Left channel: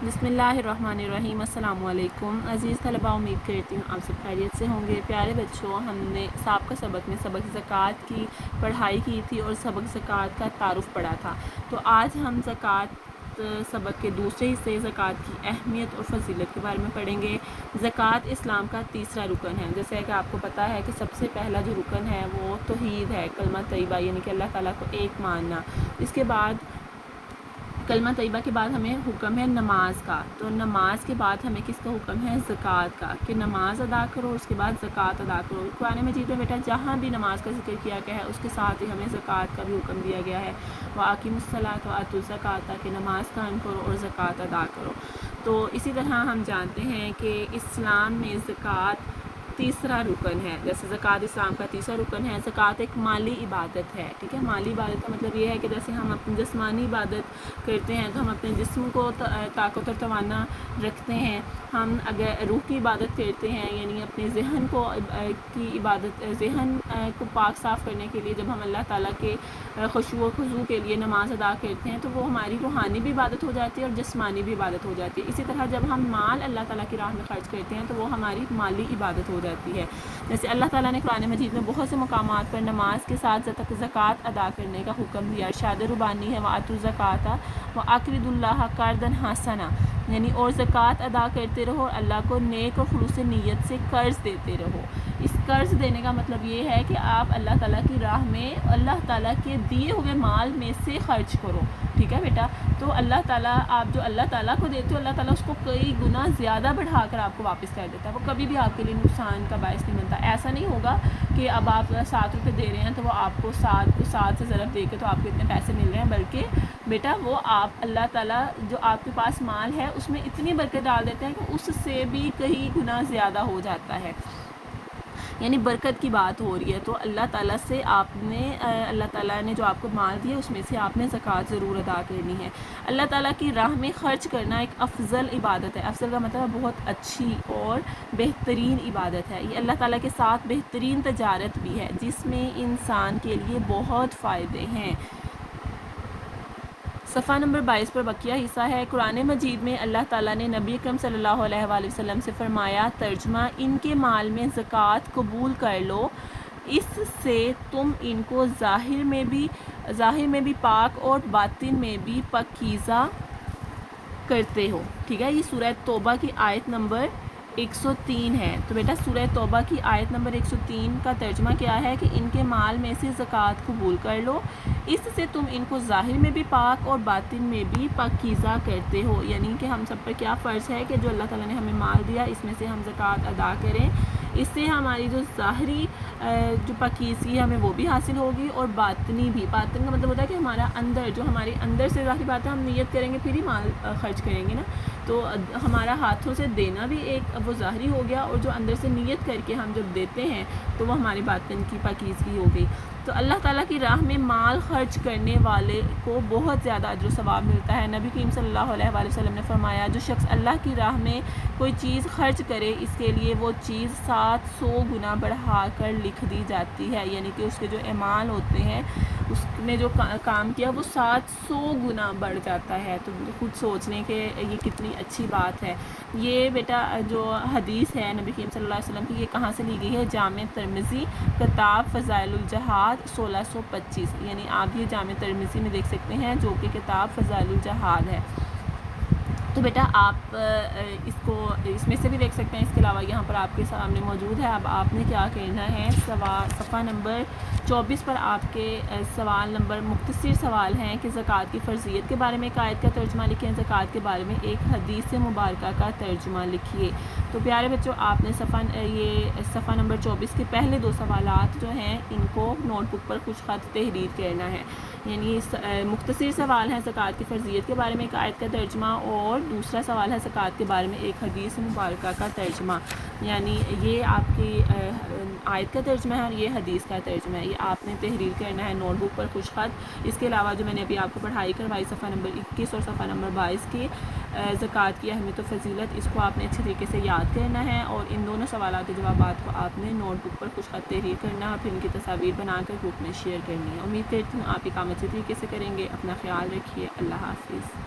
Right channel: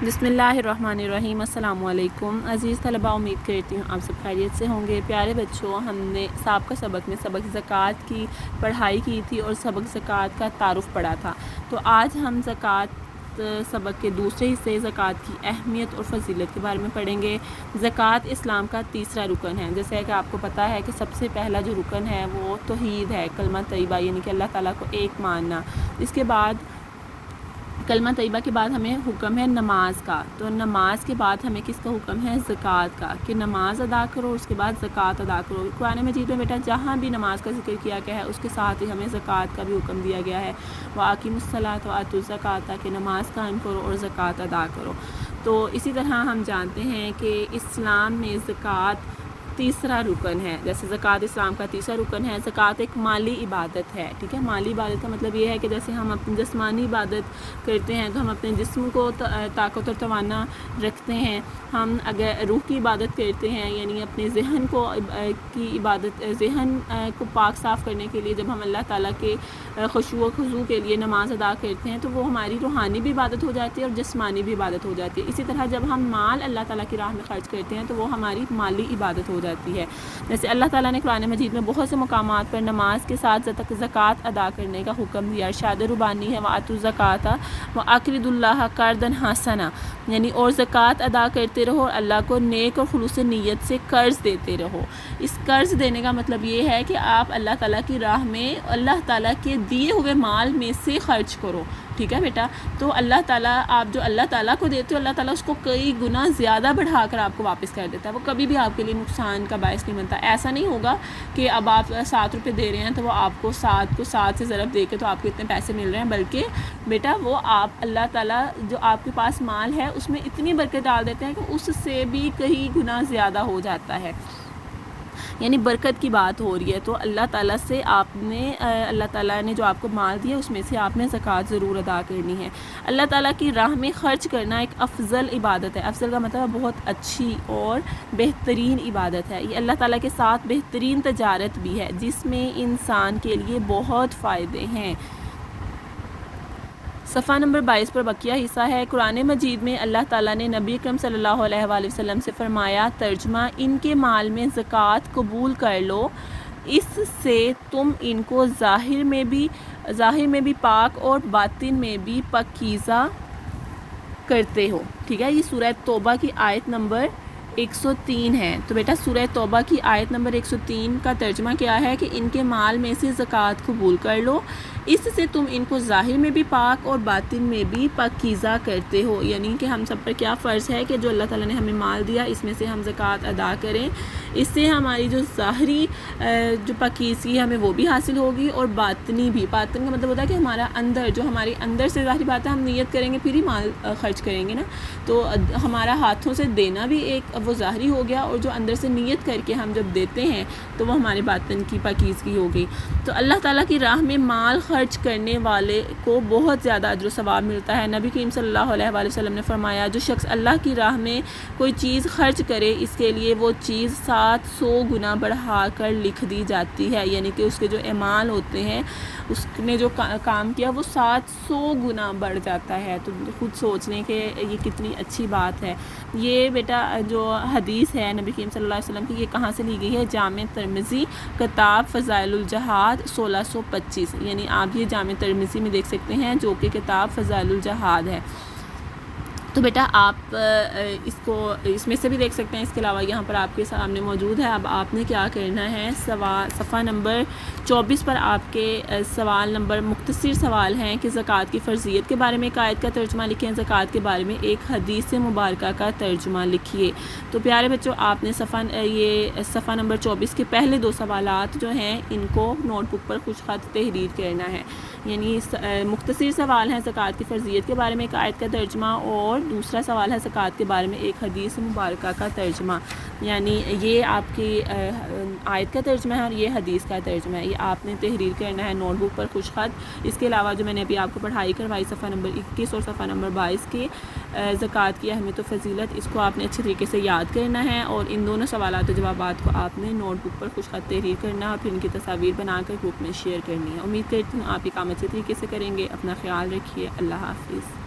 بسم اللہ الرحمن الرحیم۔ السلام علیکم عزیز طلباء، امید کرتی ہوں آپ سب خیریت سے ہوں گے۔ پیارے بچوں، ہم نے سابقہ سبق میں سبق زکوٰۃ کی پڑھائی کی تھی اور سبق زکوٰۃ کا تعارف پڑھا تھا۔ تو آج ہم زکوٰۃ سبق کے دوسرے حصے زکوٰۃ کی اہمیت اور فضیلت کے بارے میں پڑھیں گے۔ زکوٰۃ اسلام کا تیسرا رکن ہے۔ جیسے کہ آپ کو پتہ ہے کہ سب سے پہلا جو رکن ہے وہ توحید ہے، کلمہ طیبہ، یعنی کہ اللہ تعالیٰ کو ایک ماننا۔ اس کے بعد کلمہ طیبہ کے بعد ہمیں حکم ہے نماز کا، تو نماز کے بعد ہمیں کس کا حکم ہے؟ زکوٰۃ کا، کہ نماز ادا کرو، اس کے بعد زکوٰۃ ادا کرو۔ قرآن مجید میں بیٹا جہاں بھی نماز کا ذکر کیا گیا ہے اس کے ساتھ ہی ہمیں زکوٰۃ کا بھی حکم دیا گیا ہے۔ وَأَقِیمُوا الصَّلَاةَ وَآتُوا الزَّکَاةَ، کہ نماز قائم کرو اور زکوٰۃ ادا کرو۔ تو اسی طرح ہم جانتے ہیں کہ اسلام میں زکوٰۃ تیسرا رکن ہے۔ جیسے زکوٰۃ اسلام کا تیسرا رکن ہے۔ زکوٰۃ ایک مالی عبادت ہے، ٹھیک ہے۔ مالی عبادت کا مطلب یہ ہے کہ جیسے ہم اپنی جسمانی عبادت کرتے ہیں تو ہم اپنے جسم کو طاقت اور توانا رکھتے ہیں، ہم اگر روح کی عبادت کرتے ہیں یعنی اپنے ذہن کو کی عبادت، ذہن کو پاک صاف کرنے کے لیے جب ہم اللہ تعالیٰ کے خشوع و خضوع کے لیے نماز ادا کرتے ہیں تو وہ ہماری روحانی بھی عبادت ہو جاتی ہے اور جسمانی بھی عبادت ہو جاتی ہے۔ اسی طرح جب ہم مال اللہ تعالیٰ کی راہ میں خرچ کرتے ہیں تو وہ ہماری مالی عبادت ہو جاتی ہے۔ جیسے اللہ تعالیٰ نے قرآن مجید میں بہت سے مقامات پر نماز کے ساتھ زکوٰۃ ادا کرنے کا حکم دیا۔ ارشاد ربانی ہے وَآتُوا الزَّکَاةَ وَأَقْرِضُوا اللَّهَ قَرْضًا حَسَنًا، یعنی اور زکوٰۃ ادا کرتے رہو اور اللہ کو نیک اور خلوص نیت سے قرض دیتے رہو۔ اس قرض دینے کا مطلب یہ ہے کہ آپ اللہ تعالیٰ کی راہ میں اللہ تعالیٰ کے دیے ہوئے مال میں سے خرچ کرو، ٹھیک ہے بیٹا۔ تو اللہ تعالیٰ، آپ جو اللہ تعالیٰ کو دیتے ہو اللہ تعالیٰ اس کو کئی گنا زیادہ بڑھا کر آپ کو واپس کر دیتا ہے۔ وہ کبھی بھی آپ کے لیے نقصان کا باعث نہیں بنتا۔ ایسا نہیں ہوگا کہ اب آپ 7 روپے دے رہے ہیں تو وہ آپ کو 7 سے ضرب دے کے تو آپ کو اتنے پیسے مل رہے ہیں، بلکہ بیٹا وہ آپ اللہ تعالیٰ جو آپ کے پاس مال ہے اس میں اتنی برکت ڈال دیتے ہیں کہ اس سے بھی کئی گنا زیادہ ہو جاتا ہے، یعنی برکت کی بات ہو رہی ہے۔ تو اللہ تعالیٰ سے اللہ تعالیٰ نے جو آپ کو مال دیا اس میں سے آپ نے زکوٰۃ ضرور ادا کرنی ہے۔ اللہ تعالیٰ کی راہ میں خرچ کرنا ایک افضل عبادت ہے۔ افضل کا مطلب بہت اچھی اور بہترین عبادت ہے۔ یہ اللہ تعالیٰ کے ساتھ بہترین تجارت بھی ہے جس میں انسان کے لیے بہت فائدے ہیں۔ صفحہ نمبر 22 پر بقیہ حصہ ہے۔ قرآن مجید میں اللہ تعالیٰ نے نبی اکرم صلی اللہ علیہ وآلہ وسلم سے فرمایا، ترجمہ: ان کے مال میں زکوٰۃ قبول کر لو، اس سے تم ان کو ظاہر میں بھی پاک اور باطن میں بھی پاکیزہ کرتے ہو، ٹھیک ہے۔ یہ سورہ توبہ کی آیت نمبر 103 ہے۔ تو بیٹا سورہ توبہ کی آیت نمبر 103 کا ترجمہ کیا ہے کہ ان کے مال میں سے زکوٰۃ قبول کر لو، اس سے تم ان کو ظاہر میں بھی پاک اور باطن میں بھی پاکیزہ کرتے ہو، یعنی کہ ہم سب پر کیا فرض ہے کہ جو اللہ تعالیٰ نے ہمیں مال دیا اس میں سے ہم زکوٰۃ ادا کریں۔ اس سے ہماری جو ظاہری جو پاکیزگی ہے ہمیں وہ بھی حاصل ہوگی اور باطنی بھی۔ باطن کا مطلب ہوتا ہے کہ ہمارا اندر، جو ہمارے اندر سے ظاہری بات ہے، ہم نیت کریں گے پھر ہی مال خرچ کریں گے نا، تو ہمارا ہاتھوں سے دینا بھی ایک وہ ظاہری ہو گیا، اور جو اندر سے نیت کر کے ہم جب دیتے ہیں تو وہ ہمارے باطن کی پاکیزگی ہو گئی۔ تو اللہ تعالیٰ کی راہ میں مال خرچ کرنے والے کو بہت زیادہ اجر و ثواب ملتا ہے۔ نبی کریم صلی اللہ علیہ وآلہ وسلم نے فرمایا، جو شخص اللہ کی راہ میں کوئی چیز خرچ کرے اس کے لیے وہ چیز 700 گنا بڑھا کر لکھ دی جاتی ہے، یعنی کہ اس کے جو اعمال ہوتے ہیں اس نے جو کام کیا وہ 700 گنا بڑھ جاتا ہے۔ تو خود سوچ لیں کہ یہ کتنی اچھی بات ہے۔ یہ بیٹا جو حدیث ہے نبی کریم صلی اللہ علیہ وسلم کی، یہ کہاں سے لی گئی ہے؟ جامع ترمذی کتاب فضائل الجہاد 1625، یعنی آپ یہ جامع ترمذی میں دیکھ سکتے ہیں جو کہ کتاب فضائل الجہاد ہے۔ تو بیٹا آپ اس میں سے بھی دیکھ سکتے ہیں، اس کے علاوہ یہاں پر آپ کے سامنے موجود ہے۔ اب آپ نے کیا کرنا ہے، صفحہ نمبر 24 پر آپ کے سوال نمبر مختصر سوال ہیں کہ زکوٰۃ کی فرضیت کے بارے میں ایک آیت کا ترجمہ لکھیں، زکوٰۃ کے بارے میں ایک حدیث مبارکہ کا ترجمہ لکھیے۔ تو پیارے بچوں، آپ نے صفحہ نمبر 24 کے پہلے 2 سوالات جو ہیں ان کو نوٹ بک پر خوش خط تحریر کرنا ہے، یعنی مختصر سوال ہیں زکوٰۃ کی فرضیت کے بارے میں ایک آیت کا ترجمہ، اور دوسرا سوال ہے زکوٰۃ کے بارے میں ایک حدیث مبارکہ کا ترجمہ، یعنی یہ آپ کی آیت کا ترجمہ ہے اور یہ حدیث کا ترجمہ ہے۔ یہ آپ نے تحریر کرنا ہے نوٹ بک پر خوش خط۔ اس کے علاوہ جو میں نے ابھی آپ کو پڑھائی کروائی صفحہ نمبر 21 اور صفحہ نمبر 22 کی زکوٰۃ کی اہمیت و فضیلت، اس کو آپ نے اچھی طریقے سے یاد کرنا ہے، اور ان دونوں سوالات و جوابات کو آپ نے نوٹ بک پر خوش خط تحریر کرنا ہے اور پھر ان کی تصاویر بنا کر گروپ میں شیئر کرنی ہے۔ امید کرتی ہوں آپ یہ کام اچھے طریقے سے کریں گے۔ اپنا خیال رکھیے۔ اللہ حافظ۔